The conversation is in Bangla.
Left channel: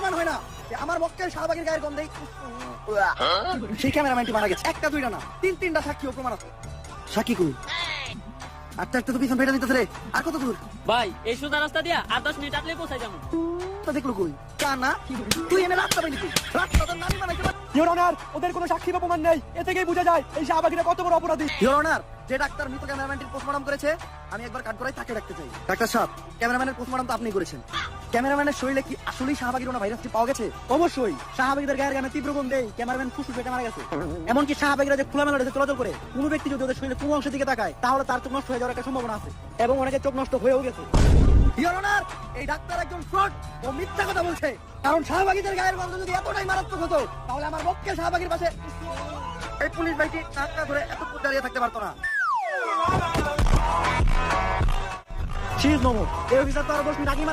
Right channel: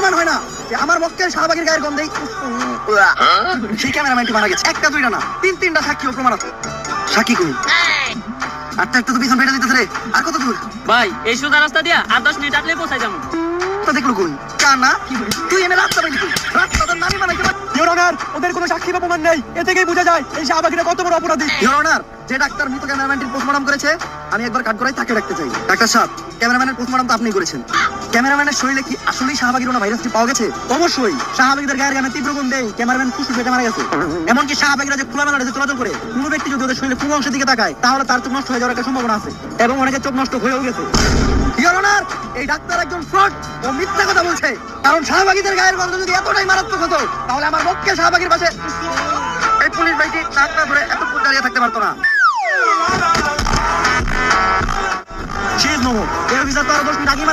প্রমাণ হয় না যে আমার পক্ষে শাহবাগের গায়ের গন্ধেই সেই ক্যামেরাম্যানটি মারা গেছে। একটা দুইটা না তিন তিনটা সাক্ষী ও প্রমাণ আছে। সাক্ষী কই? আটটা একটা তো পিছন ফেটে দিতেছে রে। আর কত দূর? ভাই এই সোজা রাস্তা দিয়া আর দশ মিনিট পৌঁছাই যাব। তো দেখল কোন কার না? তুই এনে রাস্তা কই? রাস্তা ইওর অনার ওদের কোনো সাক্ষী বা প্রমাণ নেই। এ থেকেই বোঝা যায় এই শাহবাগীরা কত বড় অপরাধী। ইওর অনার যে ডাক্তার মৃত ক্যামেরাম্যানটির পোস্টমর্টম করেছে আমি একবার কাট করাই তাকে ডাকতে চাই। ডাক্তার সাহেব ক্যামেরাম্যানের পোস্টমর্টম তো আপনি করেছেন। ক্যামেরাম্যানের শরীরে কি আসলেই শাহবাগি রোনা ভাইরাসটি পাওয়া গেছে? অবশ্যই। শাহবাগীদের গায়ের গামে তীব্র গন্ধে ক্যামেরাম্যান ফুসফুস ফেটে মারা গেছে। এমনকি শাহবাগীরা যে খোলামেলা রয়েছে চলাচল করে, কোনো ব্যক্তি যদি ওদের শরীরে কোনো অংশের দিকে তাকায়, তাহলে তার চোখ নষ্ট হয়ে যাওয়ার একটা সম্ভাবনা আছে এবং অনেকের চোখ নষ্ট হয়েও গেছে। এই ডাক্তার একজন ফ্রড ও মিথ্যা কথা বলছে। কারণ শাহবাগীদের গায়ের গন্ধ যদি এতটাই মারাত্মক হতো, তাহলে আমার পক্ষে শাহবাগীর পাশে এই পুলিশ ভাইটি নাক না ধরে এতক্ষণ দাঁড়িয়ে থাকতে পারতো না। শীত নমো এই অফিসার তো আরও দশ মিনিট আগে